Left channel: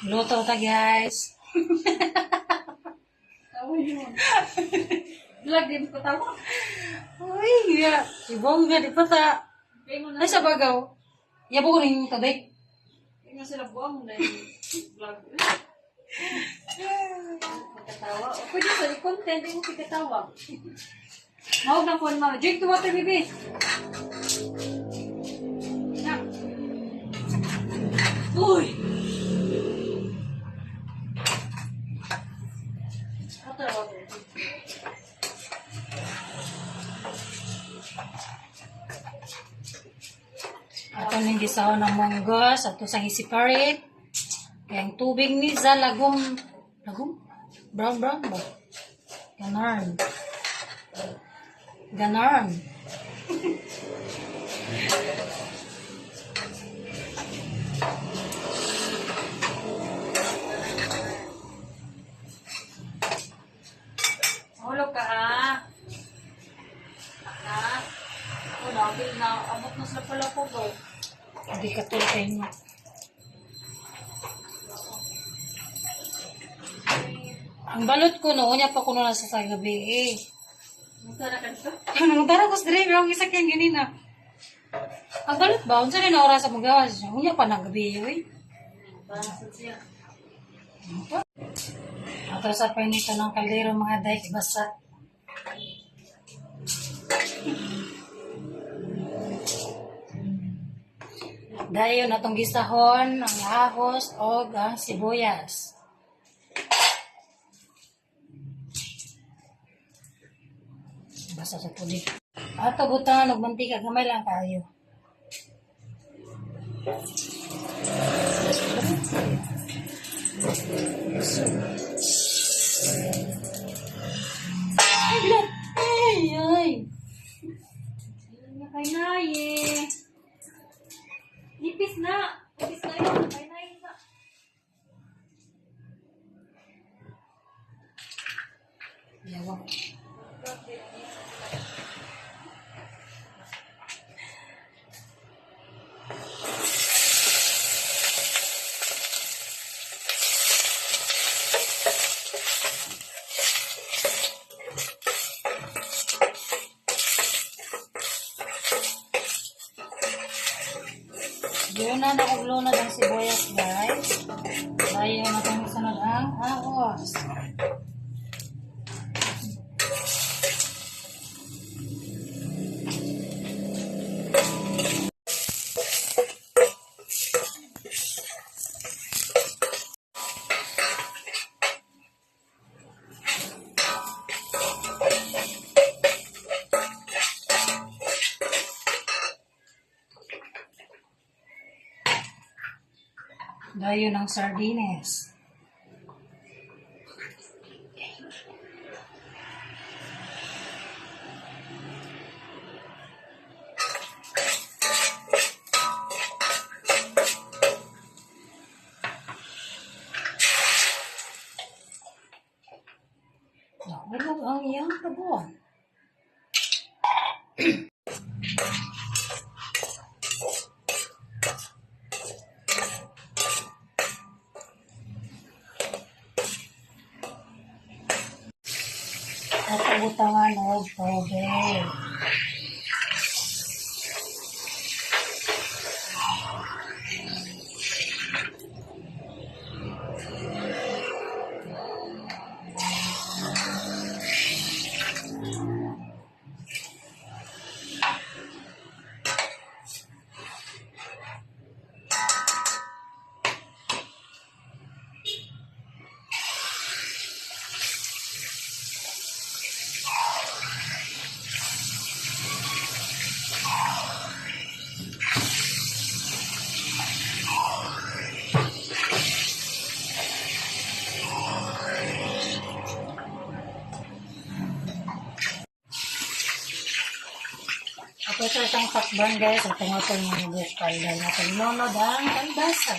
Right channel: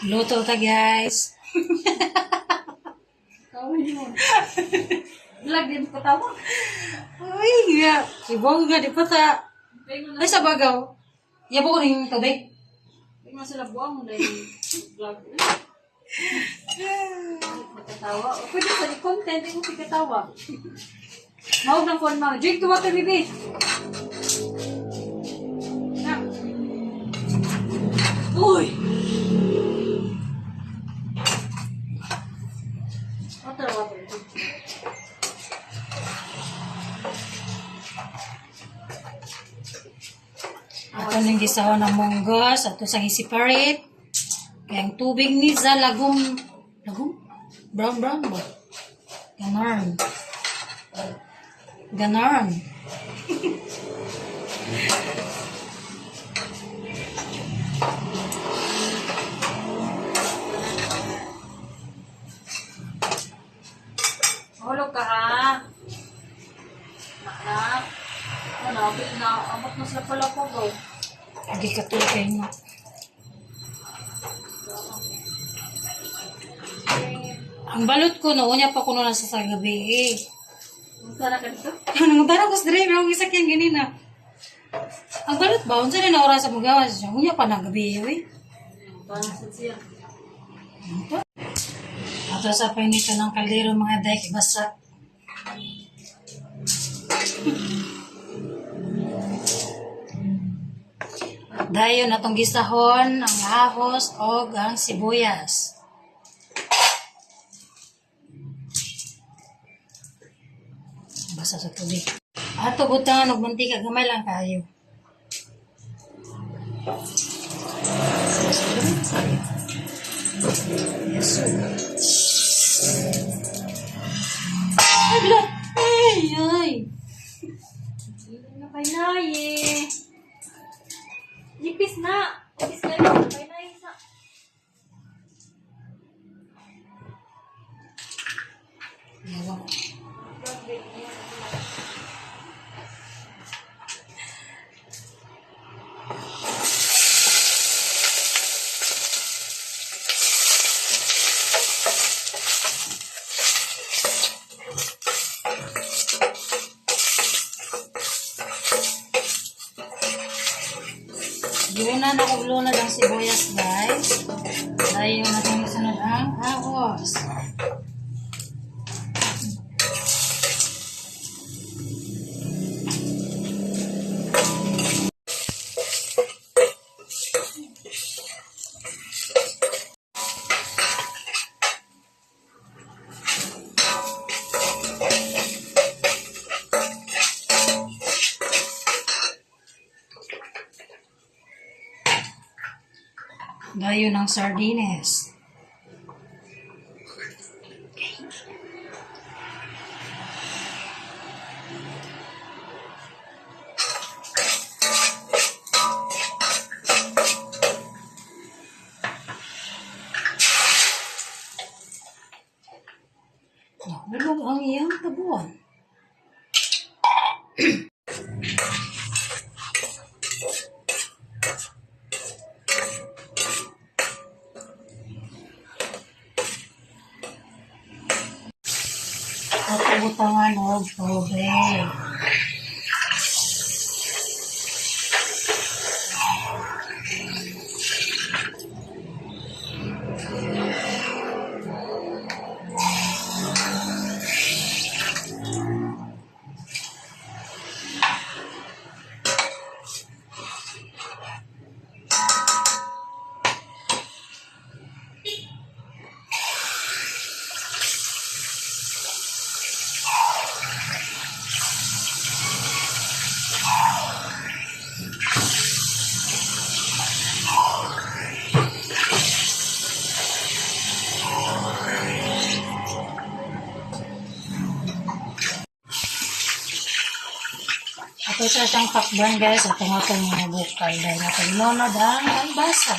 Luto ta guys. Tawin mo. Vlog din ko tawa. Uy, nga. Ibong nga di pa ta. Ay sa bagaw. Yabo ko rin ito day. Ay mo sila buwang mo na yung vlog. Magkatawa. Pwede pa di content yung magkatawa. Mahog ng phone na. Jake, tuwa tayo bibi. Uy! Water. Ato nang gisahon ng monggos. Ato sang i-separate. Kaya ang tubig ni sa lagom. Lagom? Brown ba? Ganon. Ganon. Hulog ka ha. Anak. Ano, na amot na sa pala ko ba? Hindi ka tulay mo. Ang balot ko, naunya pa ko na sa gabi eh. Magkana ka dito? Nangutara ko sa dre, yung isa kyan ganina. Ang balot ba? Unsa rin na oras sa magawa siya? Unya pa na gabi eh. Parang sa siya. Ato sa painito ng kaldero mga day basa. Dayon atong gisahon ang ahos o ang sibuyas. Basa sa tubig. Ato butangan og mantika gamay lang kayo. Yes. Ay, bilang. Ay. Hindi na kay Naye. Nipis na. Nipis na yun. Kay Naye na. Yawa. Yun na nakagulunod ang sibuyas guys. Dahil na itong isunod ang ahos. Dayo ng sardines. Nahulog ang iyang tabuan. At ubutangan o tubig. Ito sa isang takban guys, ito nga itong mga bukal dahil natin nonod ang kalbasa.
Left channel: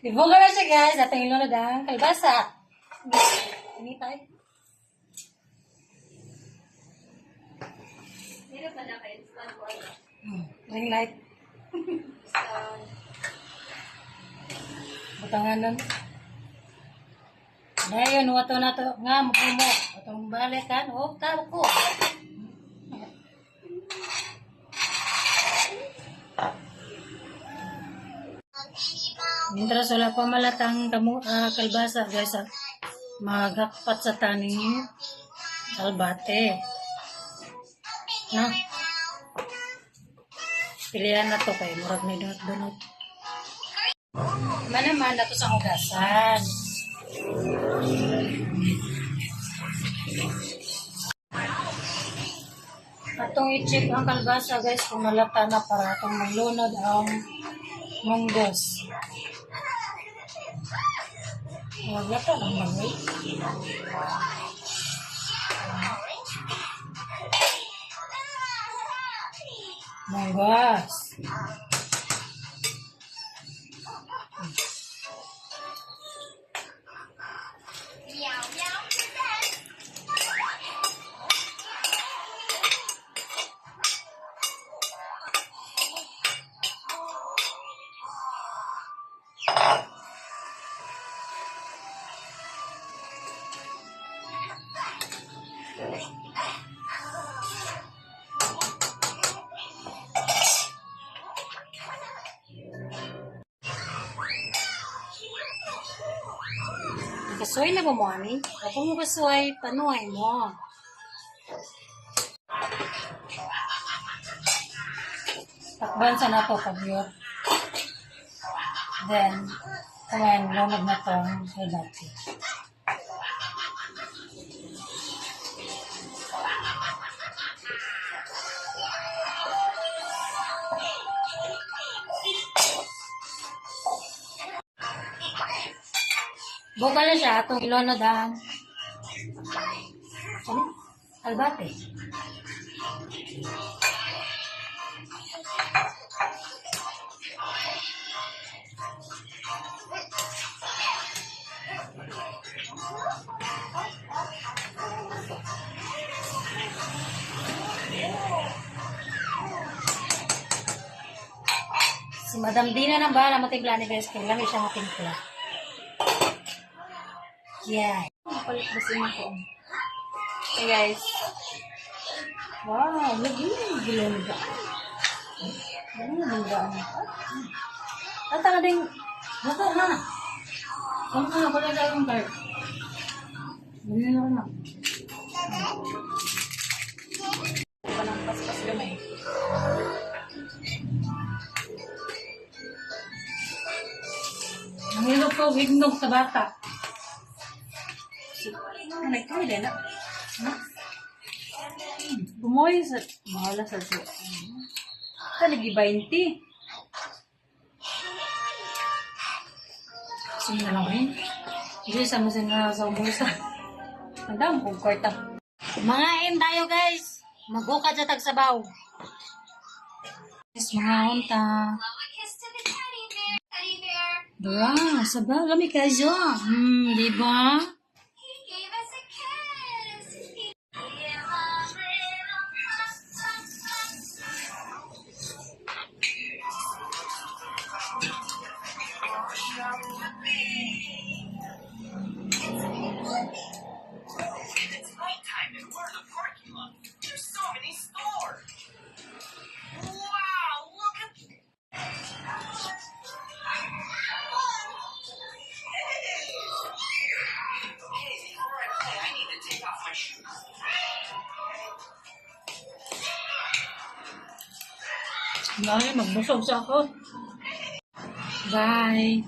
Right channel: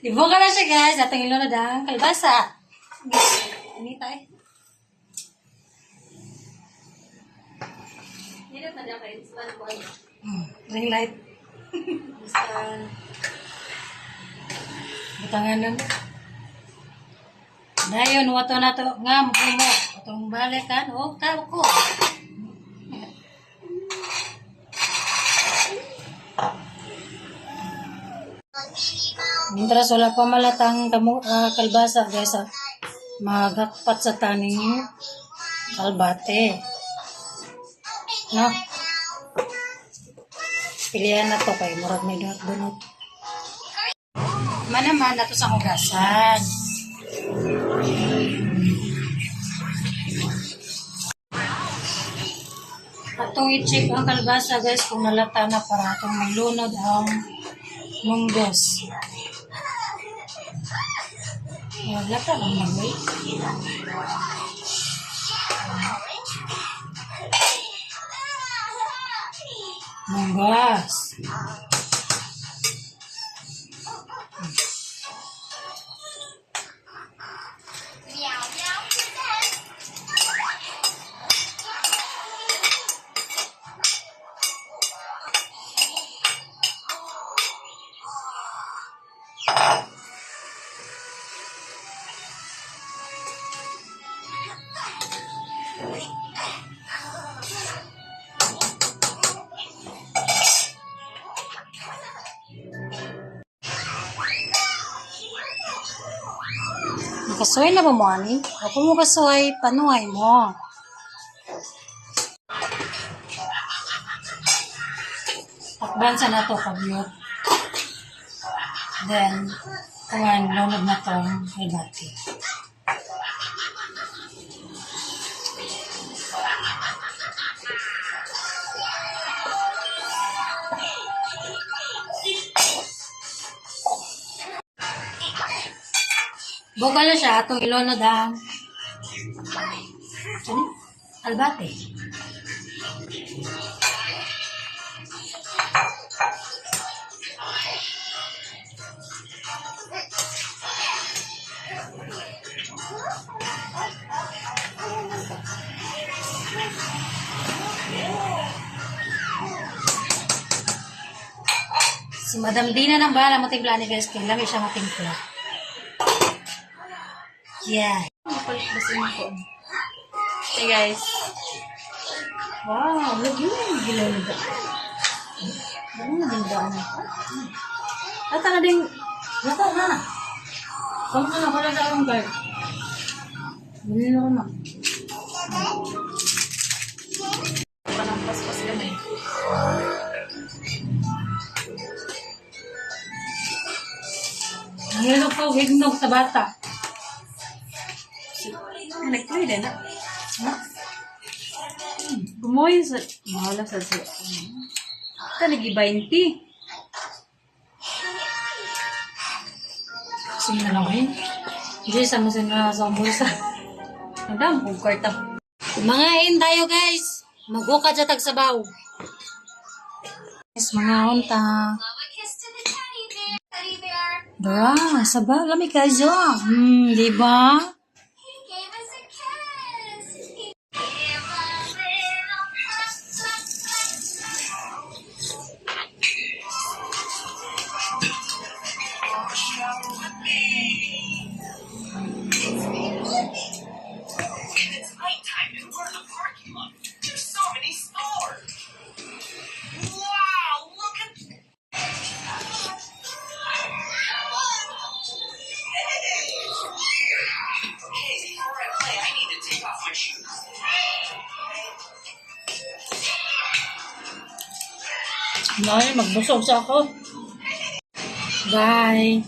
Ibong ka na siya guys, atong ilunod ang kalbasa. Ini tayo. Hindi na pa na kayo. Ring light. Butangan nun. Dayon, wato na to. Nga, mo. Watong balik kan. O, tawag ko. Mientras wala pa malatang kalbasa, guys, magakpat sa taning kalbate. No? Pilihan na to kay murag may dunot-dunot. Manaman na to sa hugasan. Atong i-check ang kalbasa, guys, kung nalata na para atong maglunod ang munggos. Naglata lang magay. Munggos. Kasuway na ba mo, ani? Ako mo kasuway, panuhay mo. Takban sa nato pagyot. Then, kumain, lunod na tong kalbati. Buka na siya, itong ilunod ang albate. Si Madam Dina nang bahala matimpla ni guys, kaya lami siya matimpla. Yeah. Mapalit ba sa inyo ko? Hey guys. Wow, lagi yung gilanda. Ano yung gilanda? At ang ading, nata na. Kamu na, wala na akong guard. Bili na ko na. Panang paspas gamay. Nangilog pa, hignog sa bata. Nagpwede na. Gumoy sa... Mahala sa... Talagi 20. Sige na lang rin. Hindi, sama sa bulsa. Ang dami kong kwarta. Mga in tayo guys. Magukad sa tagsabaw. Yes, mga unta. Bra, sabaw. Lami kayo. Di ba? It's nighttime and we're in the parking lot. There's so many stores. Wow, look at... Hey, before I play, I need to take off my shoes. Magbusog sa ako. Bye.